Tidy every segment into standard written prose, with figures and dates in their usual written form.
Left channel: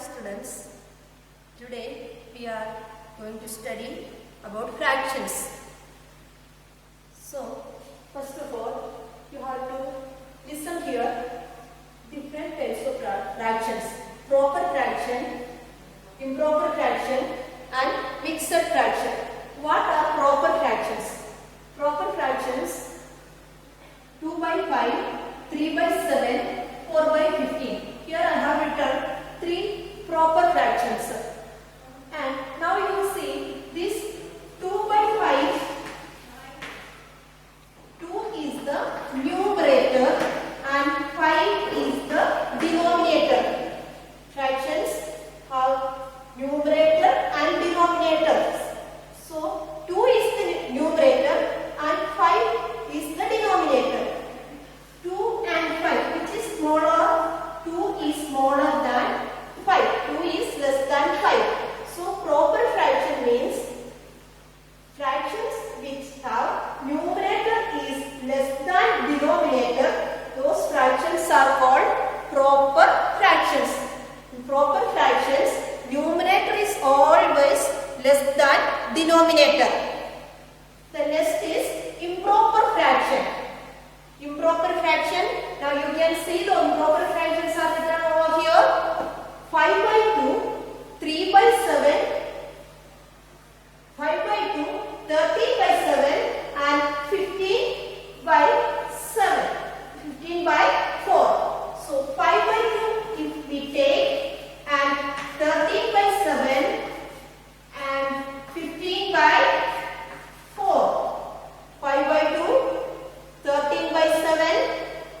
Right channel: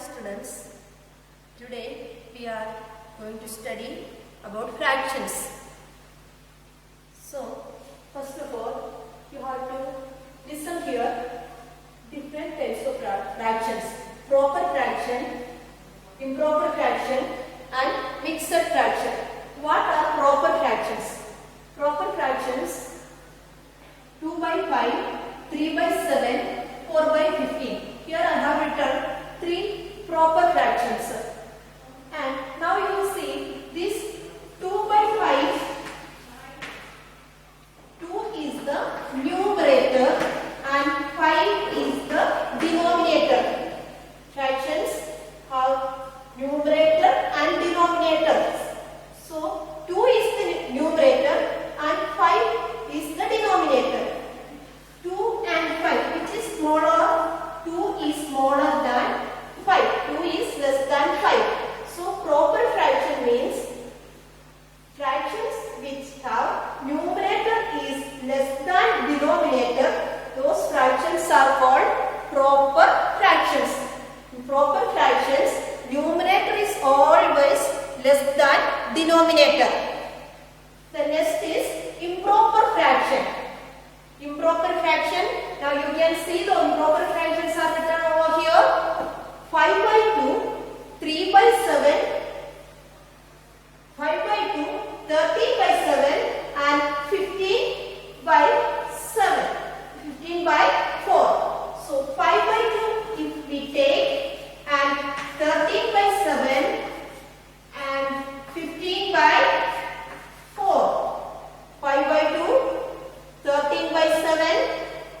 Dear students, today we are going to study about fractions. So, first of all, you have to listen here different types of fractions. Proper fraction, improper fraction and mixed fraction. What are proper fractions? Proper fractions 2 by 5, 3 by 7, 4 by 15. Here I have written 3 proper fractions. And now you will see this 2 by 5. 2 is the numerator and 5 is the denominator. Fractions have numerator and denominator. So 2 is the numerator and 5 is the denominator. 2 and 5, which is smaller? 2 is smaller than 5. 2 is less than 5. So proper fraction means fractions which have numerator is less than denominator. Those fractions are called proper fractions. In proper fractions, numerator is always less than denominator. The next is improper fraction. Improper fraction, now you can see the improper fractions are written over here. 5 by 2, 3 by 7, 5 by 2, 13 by 7 and 15 by 7, 15 by 4. So 5 by 2 if we take and 13 by 7 and 15 by 4. 5 by 2, 13 by 7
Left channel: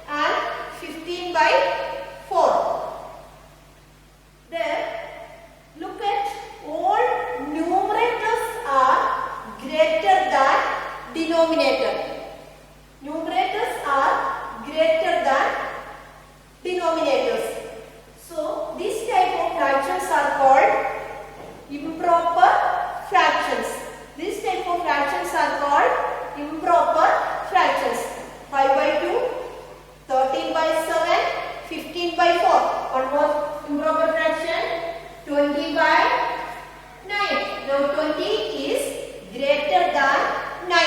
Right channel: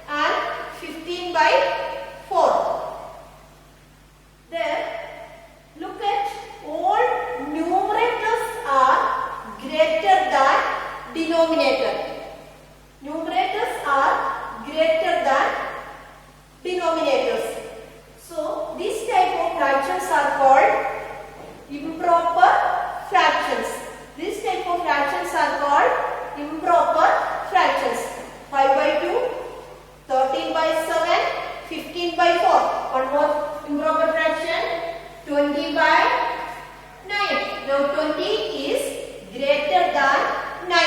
and 15 by 4. There, look at all numerators are greater than denominator. Numerators are greater than denominators. So, this type of fractions are called improper fractions. This type of fractions are called improper fractions. 5 by 2, 13 by 7, 15 by 4. One more improper fraction, 20 by 9. Now 20 is greater than 9.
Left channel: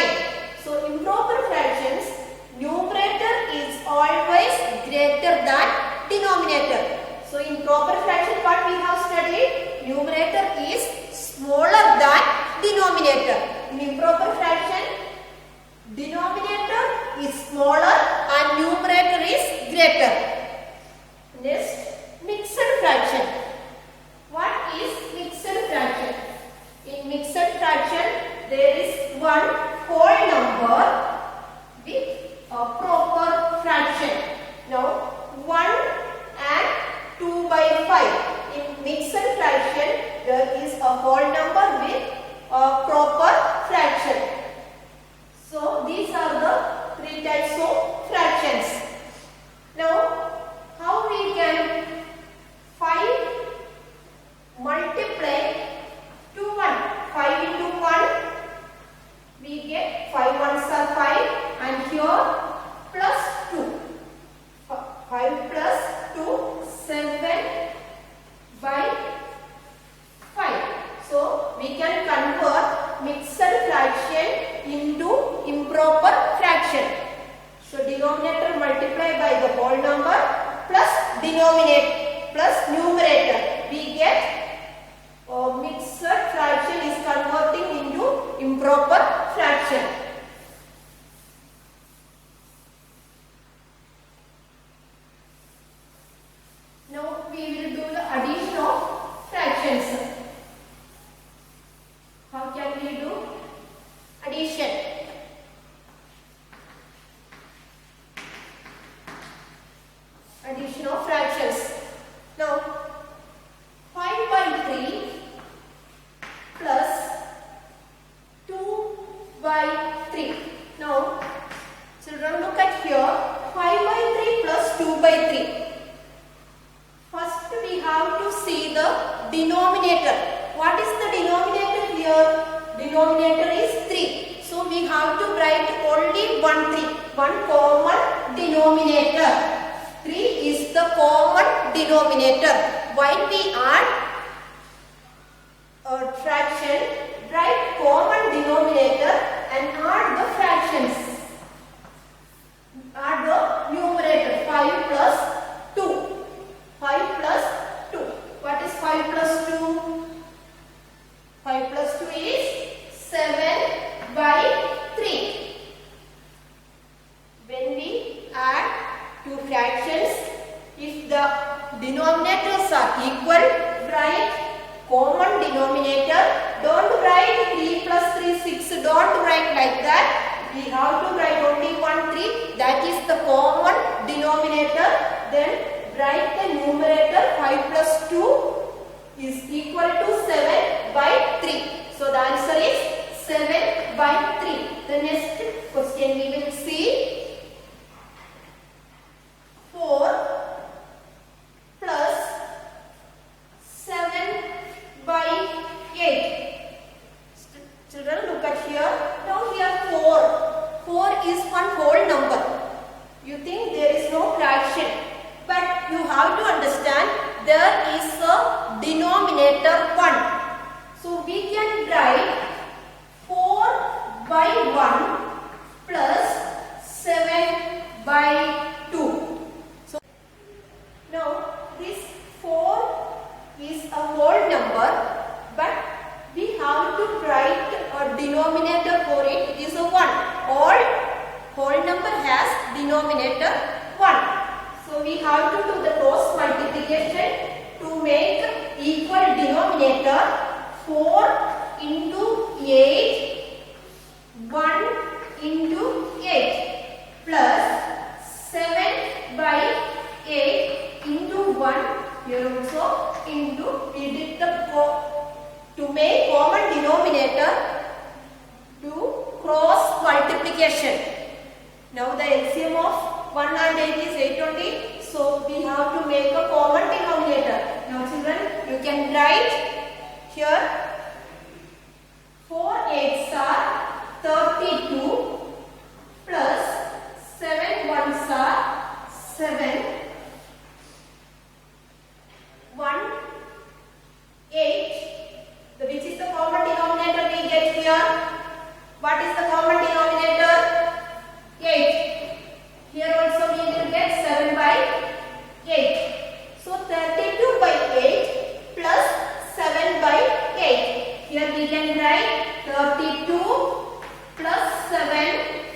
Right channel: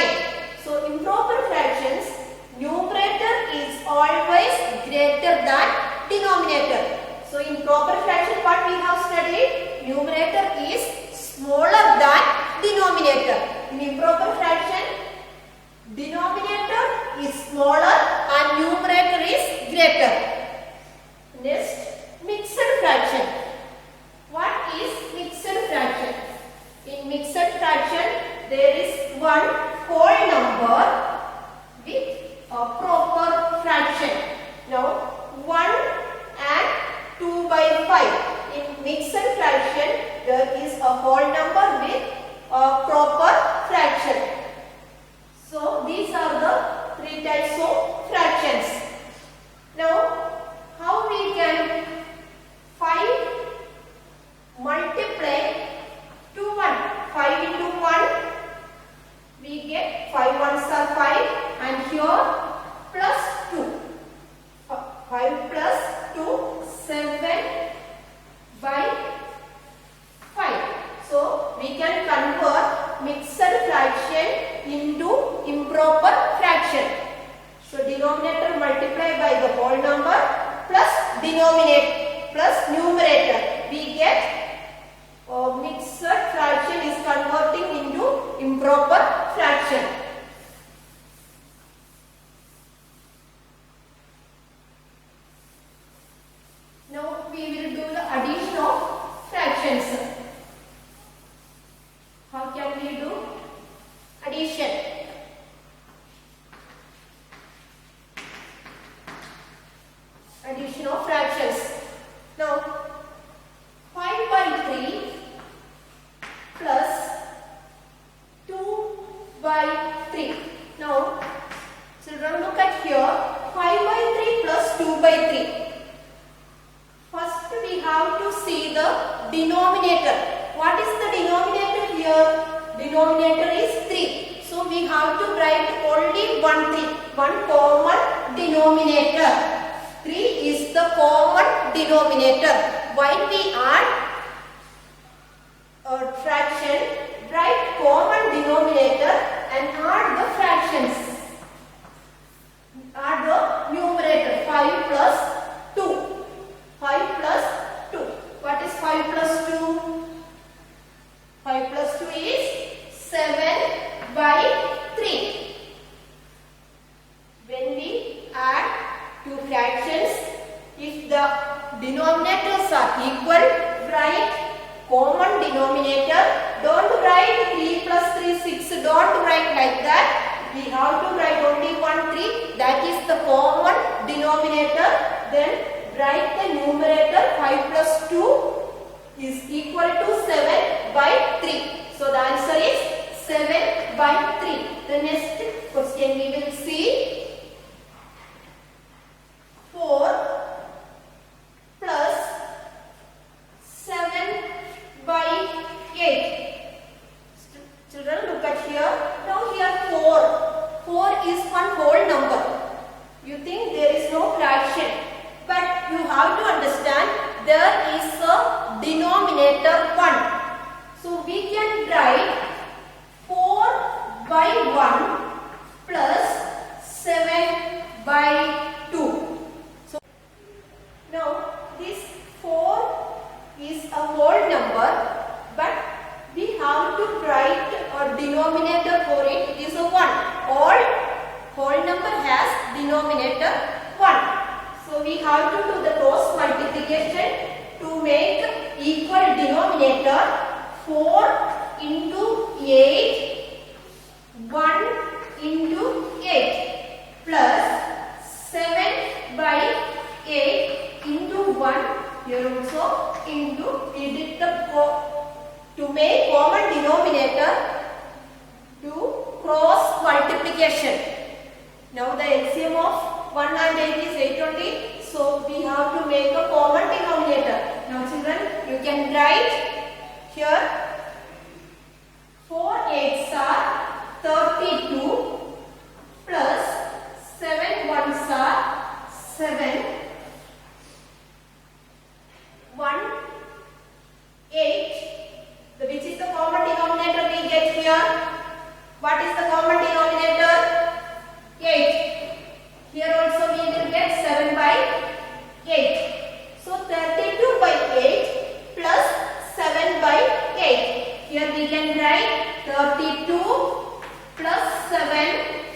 So improper fractions, numerator is always greater than denominator. So in proper fraction what we have studied, numerator is smaller than denominator. In improper fraction, denominator is smaller and numerator is greater. Next, mixed fraction. What is mixed fraction? In mixed fraction, there is one whole number with a proper fraction. Now, 1 and 2 by 5. In mixed fraction, there is a whole number with a proper fraction. So, these are the 3 types of fractions. Now, how we can multiply to 1? 5 into 1, we get 5 ones are 5 and here plus 2. 5 plus 2, 7 by 5. So, we can convert mixed fraction into improper fraction. So, denominator multiplied by the whole number plus denominator plus numerator. We get mixed fraction is converting into improper fraction. Now, we will do the addition of fractions. How can we do addition? Addition of fractions. Now, 5 by 3 plus 2 by 3. Now, children, look at here. 5 by 3 plus 2 by 3. First, we have to see the denominator. What is the denominator here? Denominator is 3. So, we have to write only one common denominator. 3 is the common denominator. while we add a fraction, write common denominator and add the fractions. Add the numerator 5 plus 2. 5 plus 2. What is 5 plus 2? 5 plus 2 is 7 by 3. When we add two fractions, if the denominators are equal, write common denominator. Don't write 3 plus 3 6. Don't write like that. We have to write only 1 3. That is the common denominator. Then write the numerator 5 plus 2 is equal to 7 by 3. So the answer is 7 by 3. The next question we will see. 4 plus 7 by 8. Children, look at here. Now here 4. 4 is one whole number. You think there is no fraction. But you have to understand there is a denominator 1. So we can write 4 by 1 plus 7 by 2. So now this 4 is a whole number, but we have to write a denominator for it. It is a 1. All whole number has denominator 1. So we have to do the cross multiplication to make equal denominator. 4 into 8, 1 into 8 plus 7 by 8 into 1. Here also into, we did the to make common denominator to cross multiplication. Now the LCM of 1 and 8 is 8 only. So we have to make a common denominator. Now children, you can write here 4 8s are 32 plus 7 1s are 7. 1 8. Which is the common denominator we get here? What is the common denominator? 8. Here also we will get 7 by 8. So 32 by 8 plus 7 by 8. Here we can write 32 plus 7,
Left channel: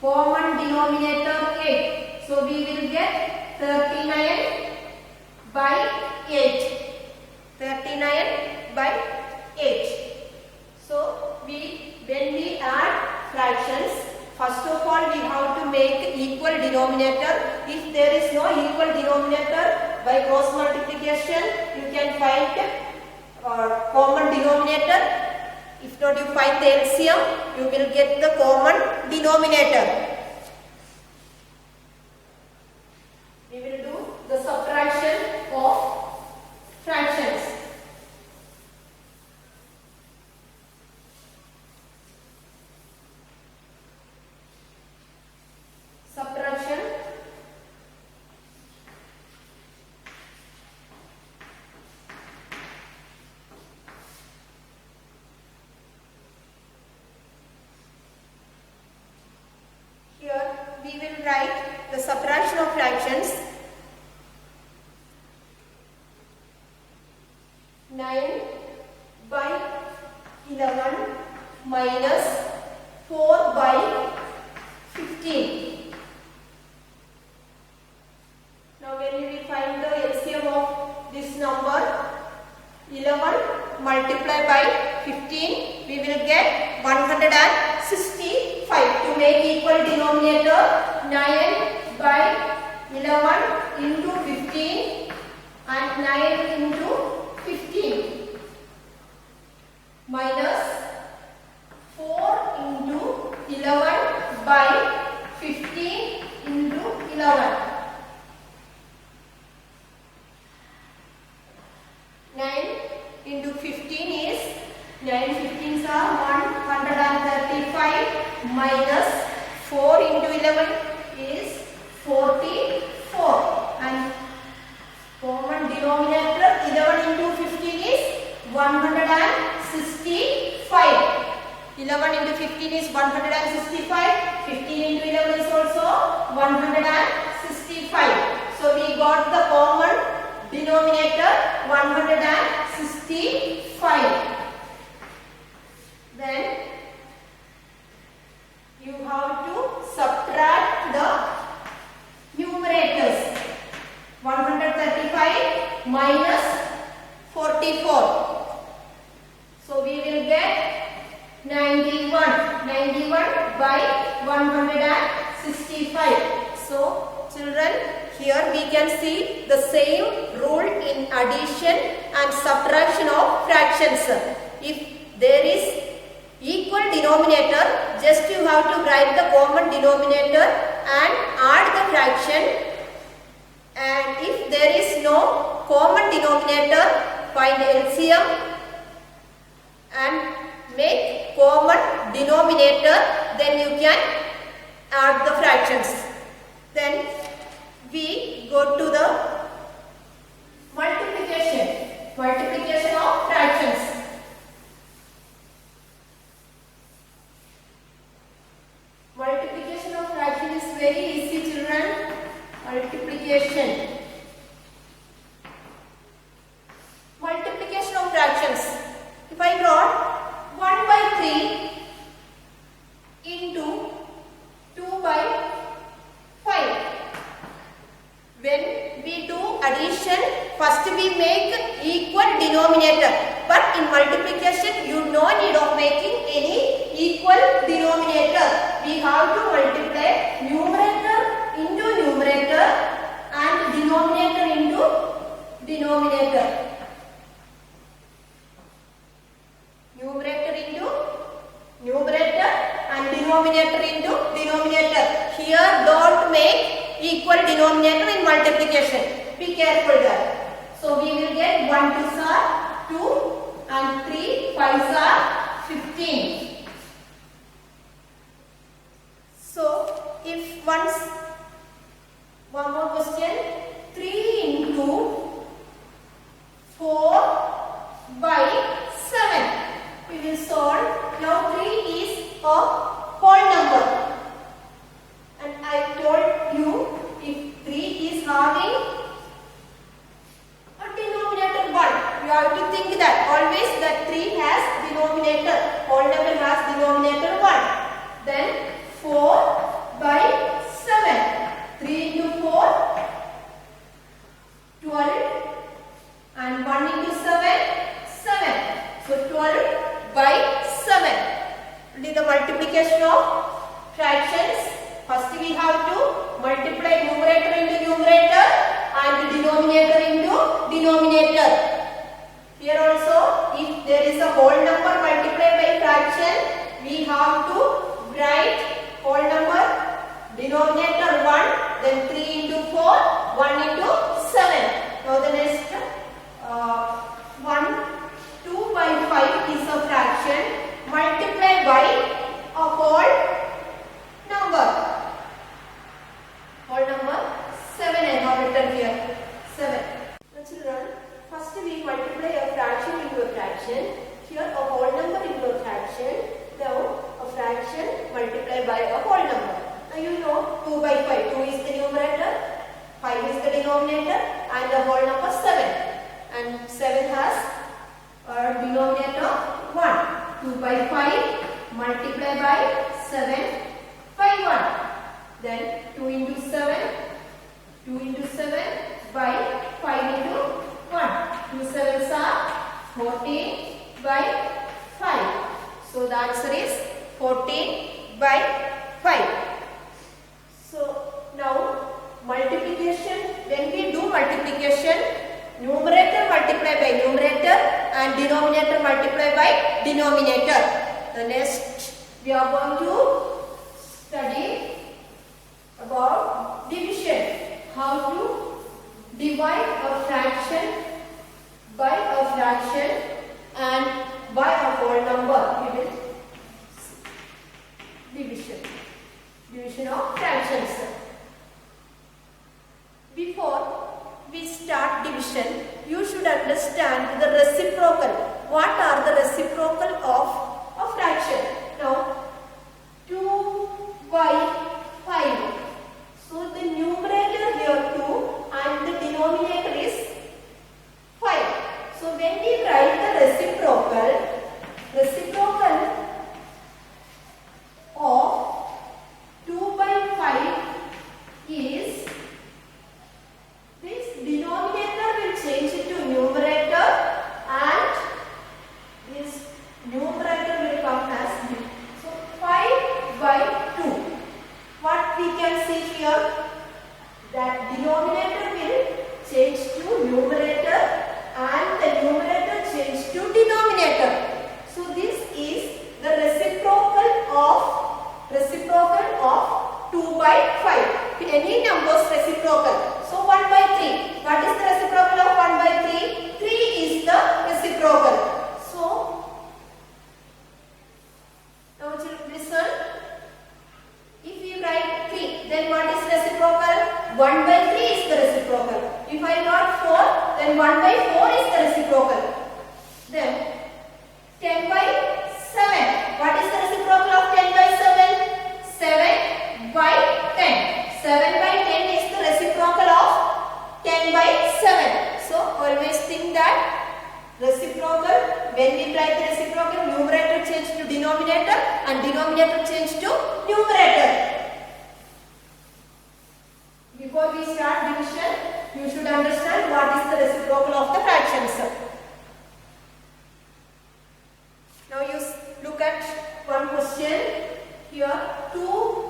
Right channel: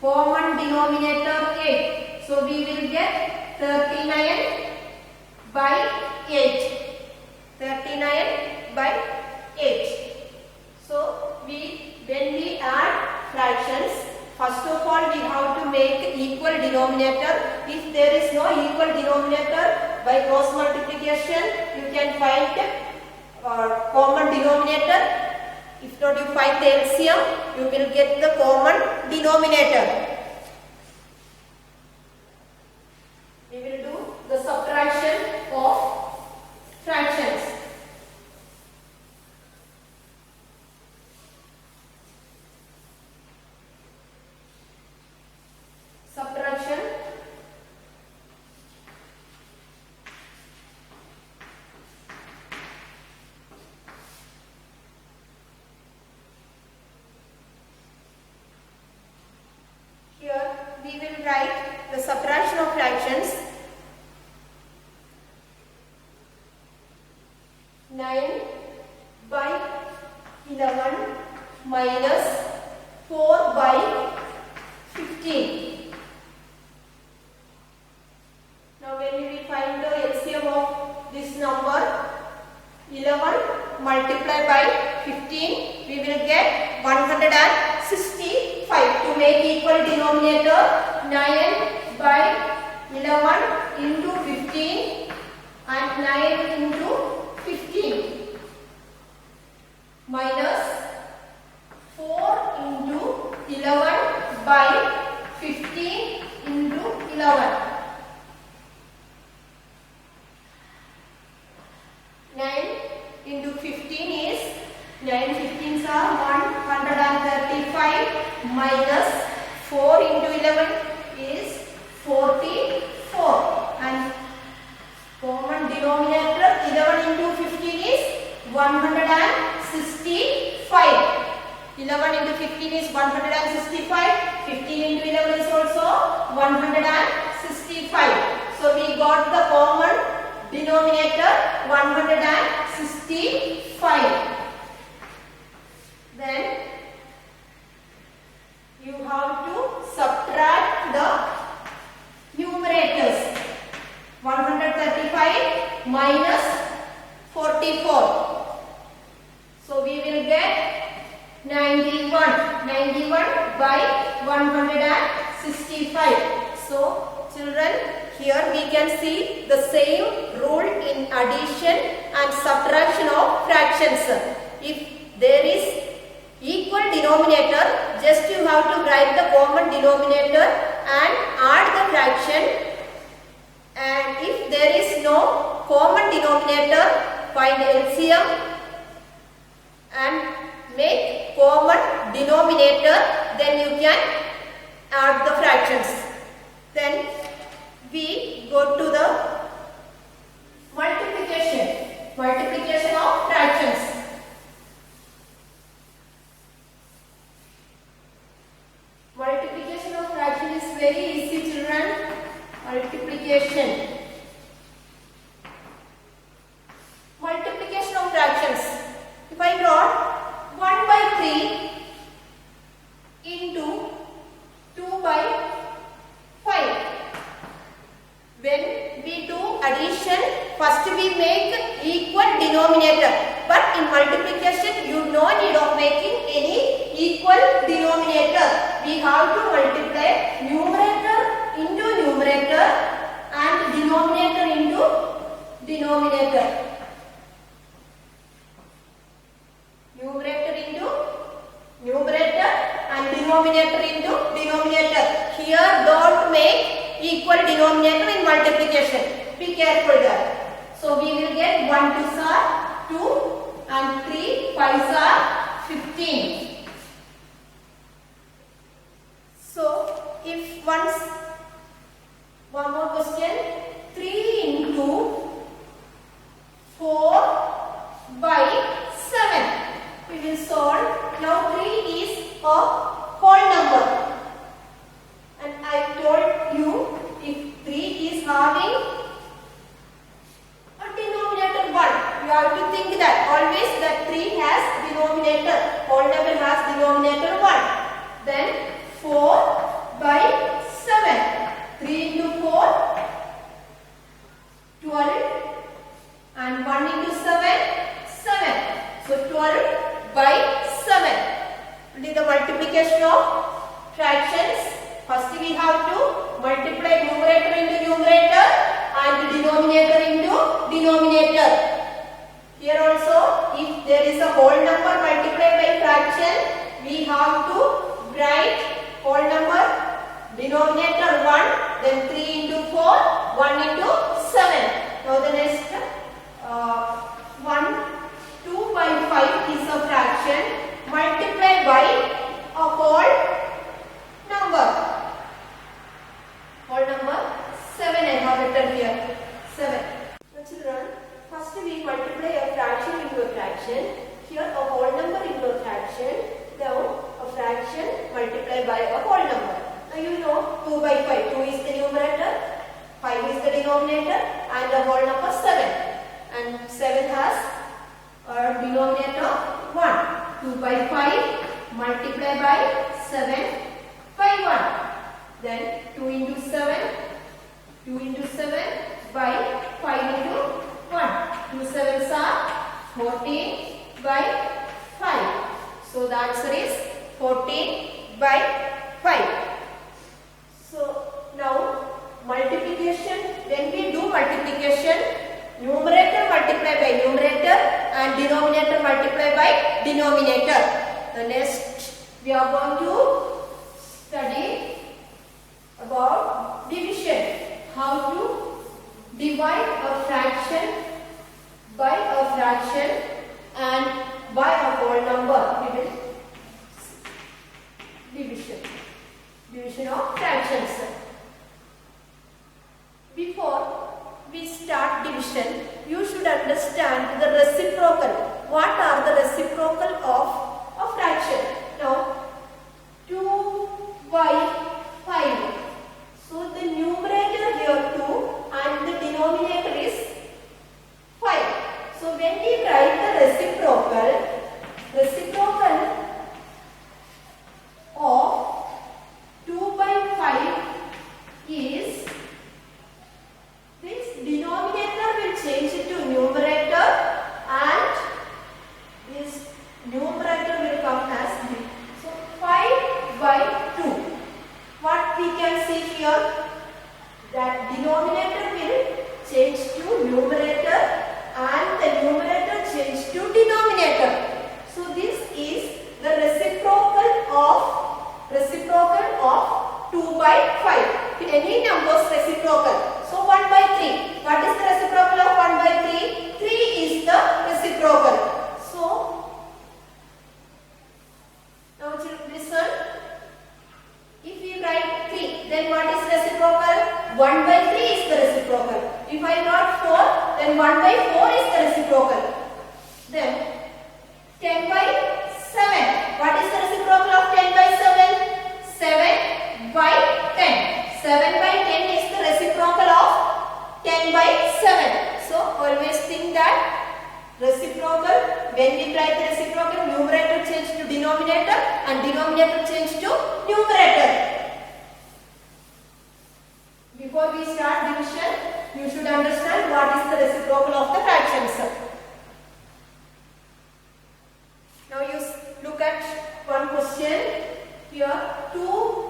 common denominator 8. So we will get 39 by 8. 39 by 8. So when we add fractions, first of all we have to make equal denominator. If there is no equal denominator, by cross multiplication you can find common denominator. If not, you find the LCM, you will get the common denominator. We will do the subtraction of fractions. Subtraction. Here we will write the subtraction of fractions. 9 by 11 minus 4 by 15. Now when we will find the LCM of this number, 11 multiplied by 15, we will get 165. To make equal denominator, 9 by 11 into 15 and 9 into 15 minus 4 into 11 by 15 into 11. 9 into 15 is 9 15s are 135 minus 4 into 11 is 44 and Common denominator 11 into 15 is 165. 11 into 15 is 165. 15 into 11 is also 165. So we got the common denominator 165. Then you have to subtract the numerators. 135 minus 44. So we will get 91. 91 by 165. So children, here we can see the same rule in addition and subtraction of fractions. If there is equal denominator, just you have to write the common denominator and add the fraction. And if there is no common denominator, find LCM and make common denominator, then you can add the fractions. Then we go to the multiplication of fractions. Multiplication of fraction is very easy, children. Multiplication of fractions. If I brought 1 by 3 into 2 by 5. When we do addition, first we make equal denominator. But in multiplication, you no need of making any equal denominator. We have to multiply numerator into numerator and denominator into denominator. Numerator into numerator and denominator into denominator. Here don't make equal denominator in multiplication. Be careful there. So we will get 1 2s are 2 and 3 5s are 15. So if one more question, 3 into 4 by 7. We will solve. Now 3 is a whole number. And I told you, if 3 is having a denominator 1, you have to think that always that 3 has denominator. Whole number has denominator 1. Then 4 by 7. 3 into 4, 12. And 1 into 7, 7. So 12 by 7. Only the multiplication of fractions. First we have to multiply numerator into numerator and denominator into denominator. Here also, if there is a whole number multiplied by fraction, we have to write whole number denominator 1, then 3 into 4, 1 into 7. Now the next 2 by 5 is a fraction multiplied by a whole number. Whole number 7 I have written here. 7. Now children, first we multiply a fraction into a fraction. Here a whole number into a fraction. Now a fraction multiplied by a whole number. Now you know 2 by 5. 2 is the numerator, 5 is the denominator, and the whole number 7. And 7 has a denominator 1. 2 by 5 multiplied by 7 by 1. Then 2 into 7 by 5 into 1. 2 7s are 14 by 5. So the answer is 14 by 5. So now multiplication, when we do multiplication, numerator multiplied by numerator and denominator multiplied by denominator. The next we are going to study about division. How to divide a fraction by a fraction and by a whole number. We will division of fractions. Before we start division, you should understand the reciprocal. What are the reciprocal of a fraction? Now, 2 by 5. So the numerator here 2 and the denominator is 5. So when we write the reciprocal of 2 by 5 is, this denominator will change into numerator and this numerator will come as b. So 5 by 2. What we can see here, that denominator will change to numerator and the numerator change to denominator. So this is the reciprocal of 2 by 5. Any numbers reciprocal. So 1 by 3. What is the reciprocal of 1 by 3? 3 is the reciprocal. So now listen. If we write 3, then what is reciprocal? 1 by 3 is the reciprocal. If I got 4, then 1 by 4 is the reciprocal. Then 10 by 7. What is the reciprocal of 10 by 7? 7 by 10. 7 by 10 is the reciprocal of 10 by 7. So always think that reciprocal, when we write the reciprocal, numerator change to denominator and denominator change to numerator. Before we start division, you should understand what is the reciprocal of the fractions. Now you look at one question here. 2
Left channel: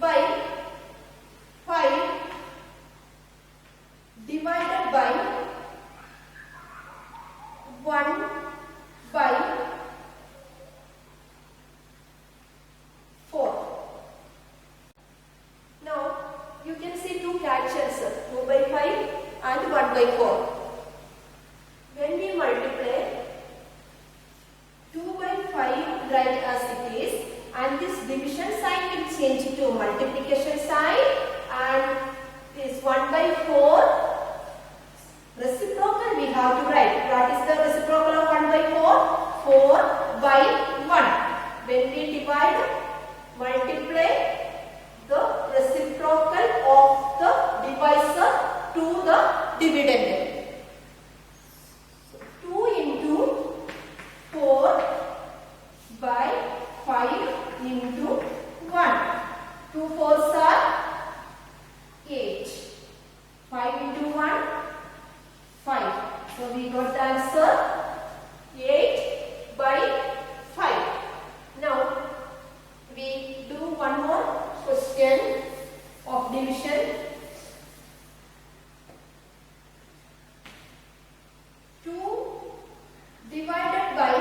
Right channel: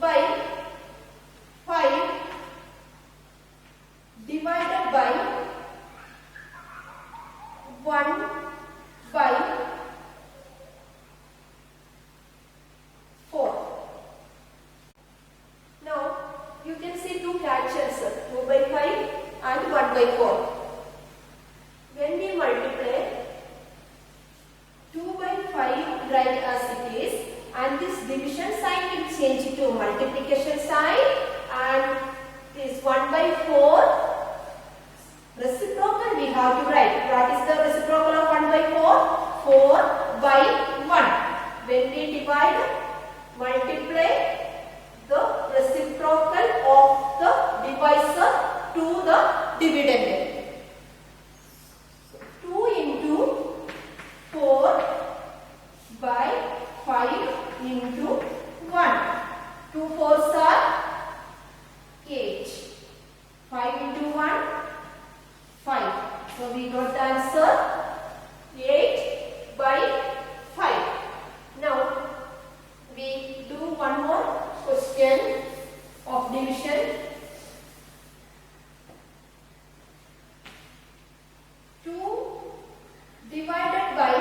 by 5 divided by 1 by 4. Now you can see two fractions, 2 by 5 and 1 by 4. When we multiply 2 by 5, write as it is, and this division sign will change to multiplication sign, and this 1 by 4 reciprocal we have to write. What is the reciprocal of 1 by 4? 4 by 1. When we divide, multiply the reciprocal of the divisor to the dividend. So 2 into 4 by 5 into 1. 2 fours are 8. 5 into 1, 5. So we got the answer 8 by 5. Now we do one more question of division. 2 divided by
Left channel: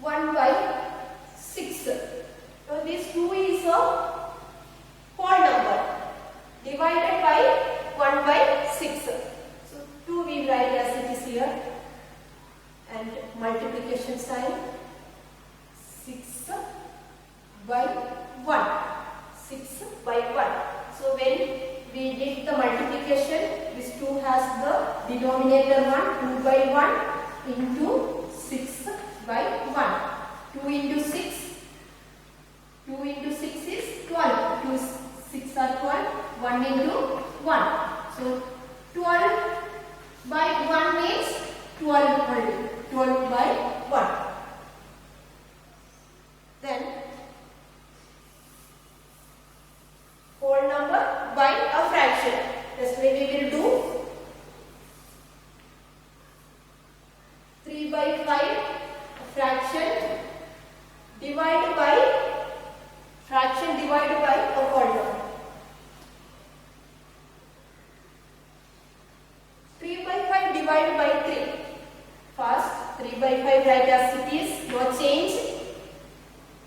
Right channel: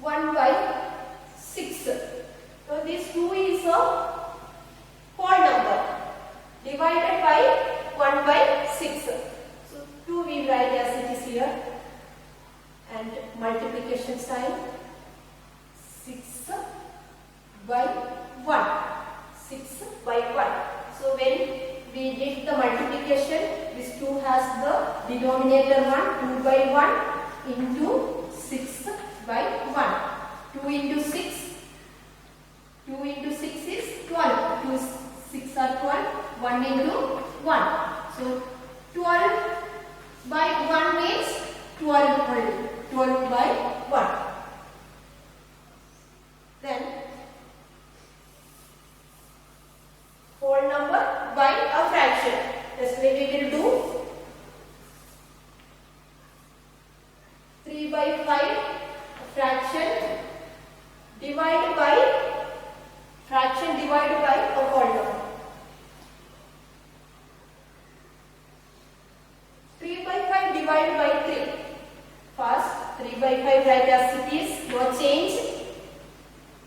1 by 6. So this 2 is a whole number divided by 1 by 6. So 2 we write as it is here, and multiplication sign 6 by 1. 6 by 1. So when we did the multiplication, this 2 has the denominator 1, 2 by 1 into 6 by 1. 2 into 6. 2 into 6 is 12. 2 6 are 12. 1 into 1. So 12 by 1 means 12 only. 12 by 1. Then whole number by a fraction. This way we will do 3 by 5 fraction divided by a whole number. 3 by 5 divided by 3. First 3 by 5 write as it is, no change.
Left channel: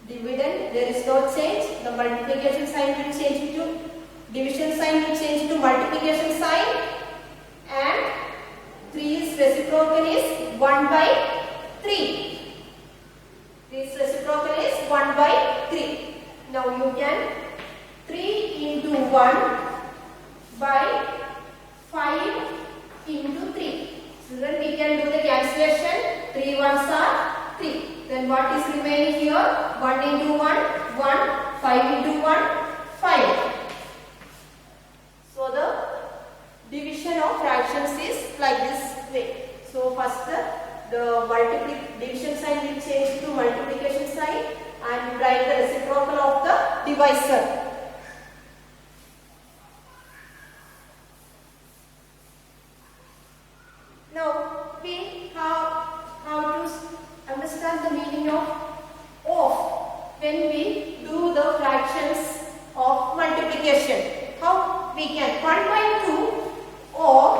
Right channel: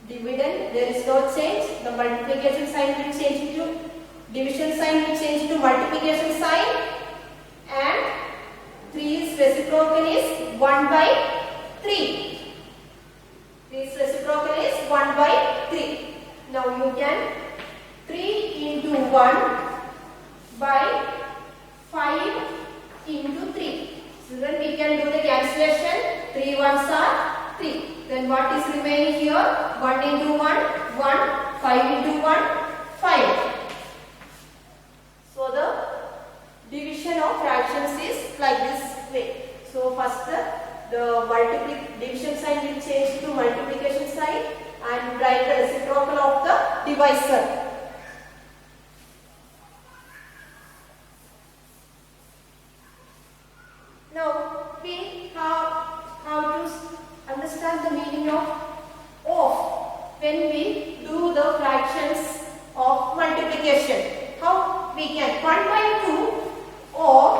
Dividend, there is no change. The multiplication sign will change to division sign will change to multiplication sign, and 3 is reciprocal is 1 by 3. This reciprocal is 1 by 3. Now you can 3 into 1 by 5 into 3. So then we can do the cancellation. 3 ones are 3. Then what is remaining here? 1 into 1, 1. 5 into 1, 5. So the division of fractions is like this way. So first the division sign will change to multiplication sign and write the reciprocal of the divisor. Now we have how to understand the meaning of when we do the fractions of multiplication. How we can 1 by 2 of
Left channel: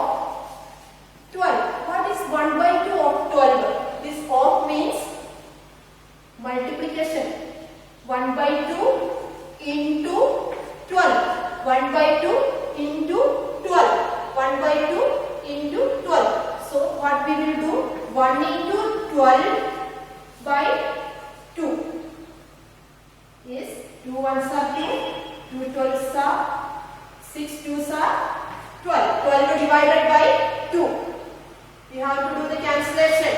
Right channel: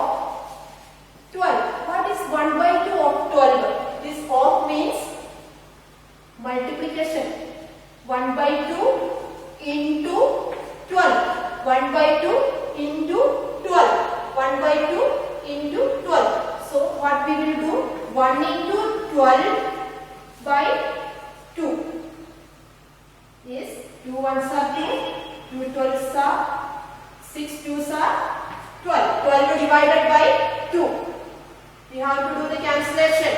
12. What is 1 by 2 of 12? This of means multiplication. 1 by 2 into 12. 1 by 2 into 12. 1 by 2 into 12. So what we will do? 1 into 12 by 2 is 2 ones are 2, 2 12s are 6 2s are 12. 12 divided by 2. We have to do the cancellation.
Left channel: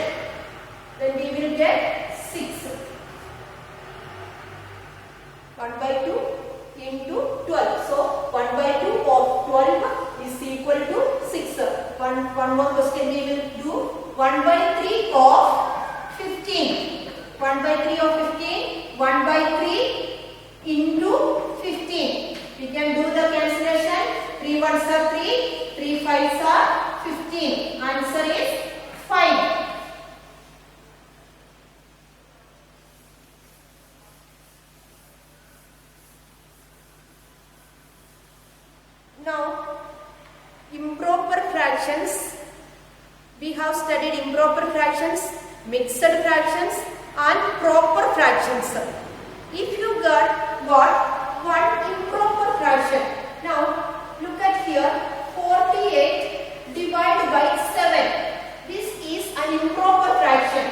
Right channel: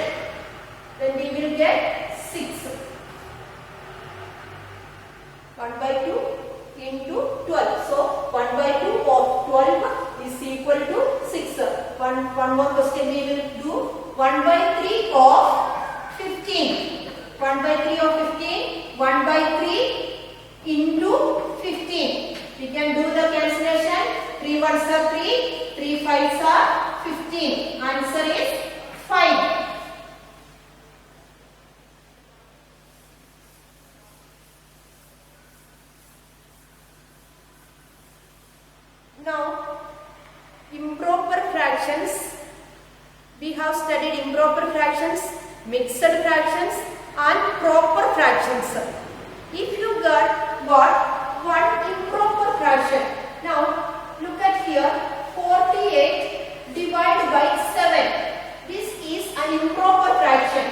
Then we will get 6. 1 by 2 into 12. So 1 by 2 of 12 is equal to 6. One more question we will do. 1 by 3 of 15. 1 by 3 of 15. 1 by 3 into 15. We can do the cancellation. 3 ones are 3. 3 5s are 15. Answer is 5. Now, improper fractions. We have studied improper fractions, mixed fractions and proper fractions. If you got one improper fraction. Now, look at here, 48 divided by 7. This is an improper fraction.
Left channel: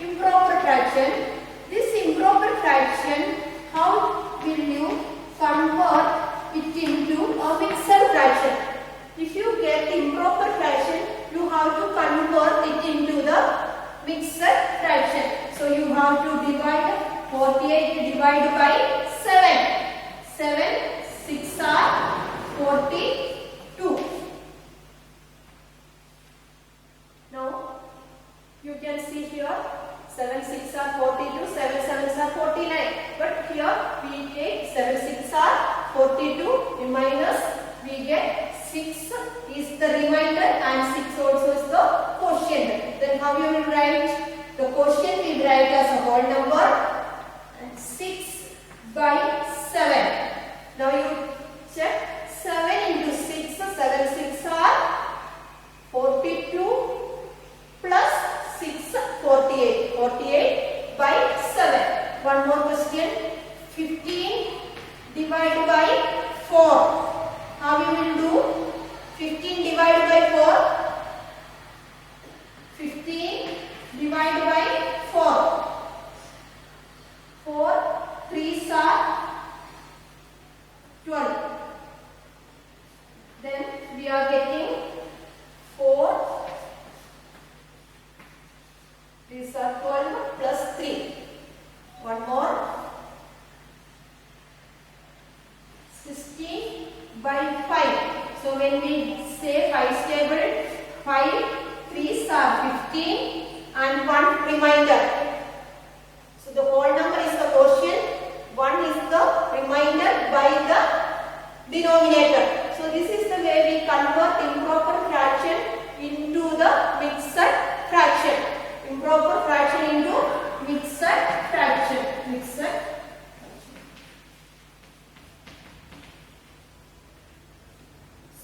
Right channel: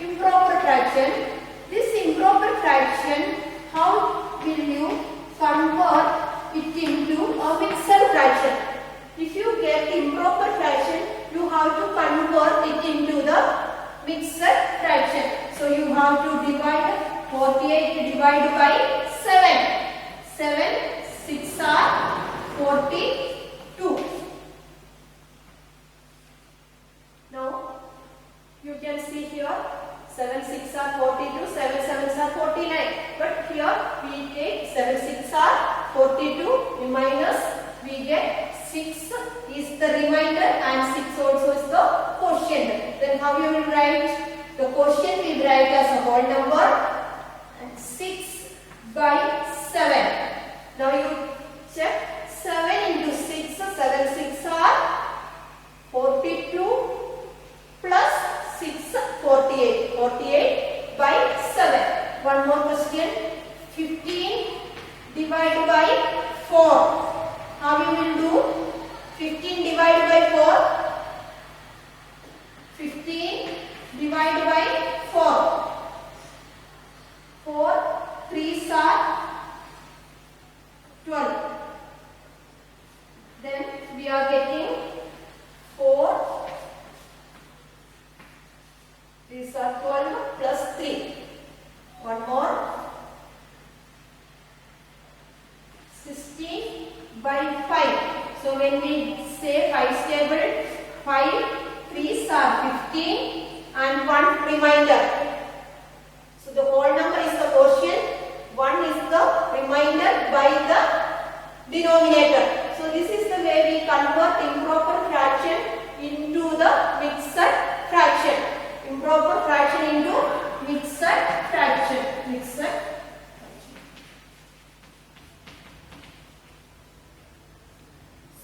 Improper fraction. This improper fraction, how will you convert it into a mixed fraction? If you get improper fraction, you have to convert it into the mixed fraction. So you have to divide 48 divided by 7. 7 6 are 42. Now you can see here 7 6 are 42, 7 7s are 49. But here we take 7 6 are 42 minus we get 6 is the remainder and 6 also is the quotient. Then how you will write? The quotient we will write as a whole number and 6 by 7. Now you check 7 into 6, 7 6 are 42 plus 6 48. 48 by 7. One more question. 15 divided by 4. How you will do? 15 divided by 4. 15 divided by 4. 4 3s are 12. Then we are getting 4. These are 12 plus 3. One more. 16 by 5. So when we say 5's table, 5 3s are 15 and 1 remainder. So the whole number is the quotient, 1 is the remainder by the denominator. So this is the way we convert improper fraction into the mixed fraction. Improper fraction into mixed fraction.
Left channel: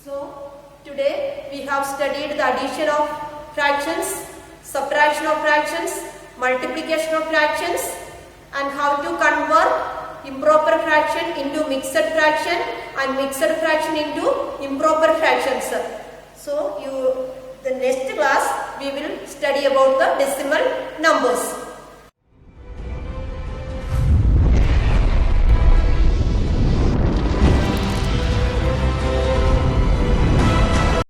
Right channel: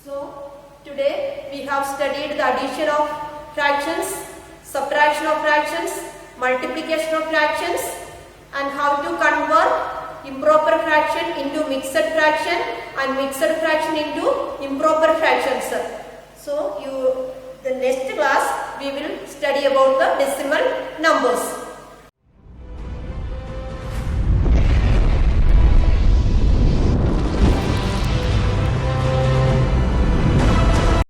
So today we have studied the addition of fractions, subtraction of fractions, multiplication of fractions and how to convert improper fraction into mixed fraction and mixed fraction into improper fractions. So the next class we will study about the decimal